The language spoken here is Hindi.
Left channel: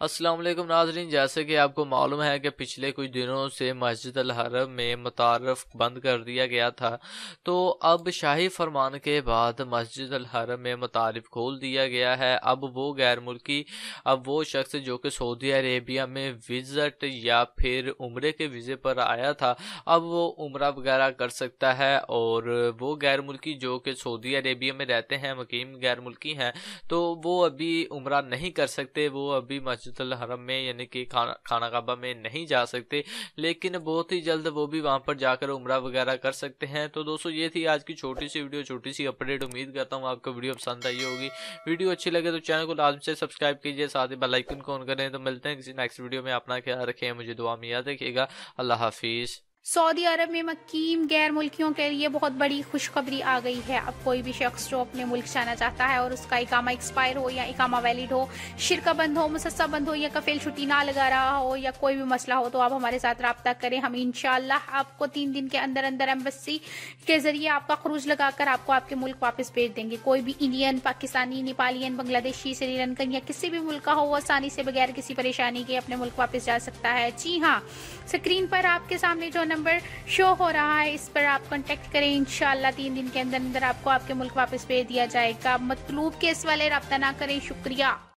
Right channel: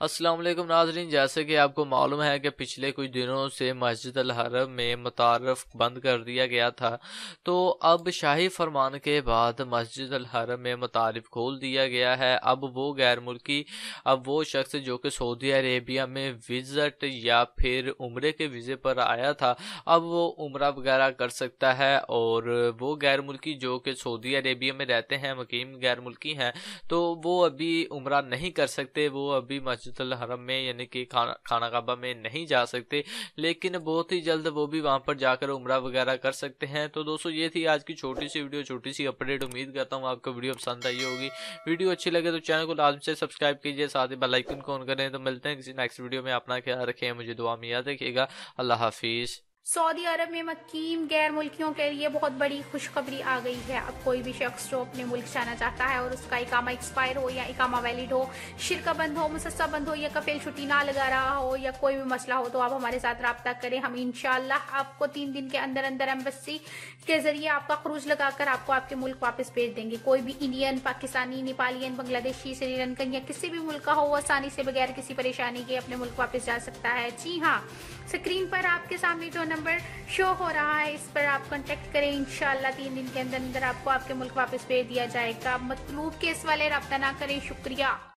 अस्सलाम वालेकुम नाज़रीन, जैसे कि आपको मालूम है कि पिछले कुछ दिनों से मस्जिद अल हरम में मुतारफ़ बंद कर दिया गया था। तो अब शाही फरमान के बाद मस्जिद अल हरम में मुतारफ़ खोल दिया गया है। अब वो शख्स जो कि सऊदी अरेबिया में विज़िट या फिर उम्रे के वीज़े पर आया था, अब वो उम्रा वगैरह कर सकता है। और वो गैर मुल्की जो कि सऊदी अरेबिया में रहते हैं, मुकीम गैर मुल्की हैं, तो वो अभी उम्रा नहीं कर सकते। वो अभी मस्जिद अल हरम में यानी कि खाना काबा में नहीं जा सकते, लेकिन बहुत ही जल्द वो भी वहां पर जाकर उम्रा वगैरह कर सकते हैं। तो दोस्तों, ये थी आज की छोटी सी वीडियो, छोटी सी अपडेट। उम्मीद करता हूँ आपको वीडियो पसंद आई होगी। वीडियो अच्छी लगे तो चैनल को लाजमी से सब्सक्राइब कीजिए, साथ ही बेल आइकन को ऑन करें। तो मिलते हैं किसी नेक्स्ट वीडियो में। अपना ख्याल रखें, मुझे दुआ में याद रखिएगा। अल्लाह हाफिज। सऊदी अरब में मकीम गैर मुल्कियों के लिए बहुत बड़ी खुशखबरी आ गई है। अब कोई भी शख्स जो अपने मुल्क जाना चाहता है और उसका इकामा एक्सपायर हो या इकामा वैलिड हो, शिरका बंद हो, मुसस्सा बंद हो या कफिल छुट्टी ना लगा रहा हो या कोई भी मसला हो, तो आप हमारे साथ रब्ता करें। हम इंशाल्लाह आपको 3 दिन के अंदर अंदर एम्बेसी के जरिए आपका खरूज लगाकर आपको आपके मुल्क वापस भेज देंगे। कोई भी इंडियन, पाकिस्तानी, नेपालियन, बांग्लादेशी, श्रीलंकन या किसी भी मुल्क का हो, वो आसानी से बगैर किसी परेशानी के अपने मुल्क वापस जा सकता है। जी हाँ, स्क्रीन पर आपके सामने जो नंबर शो हो रहा है, इस पर आप कांटेक्ट करें। इंशाल्लाह 3 दिन के अंदर अंदर आपको आपके मुल्क वापस भेज दिया जाएगा। मतलूब केस वाले रब्ता ना करें। शुक्रिया।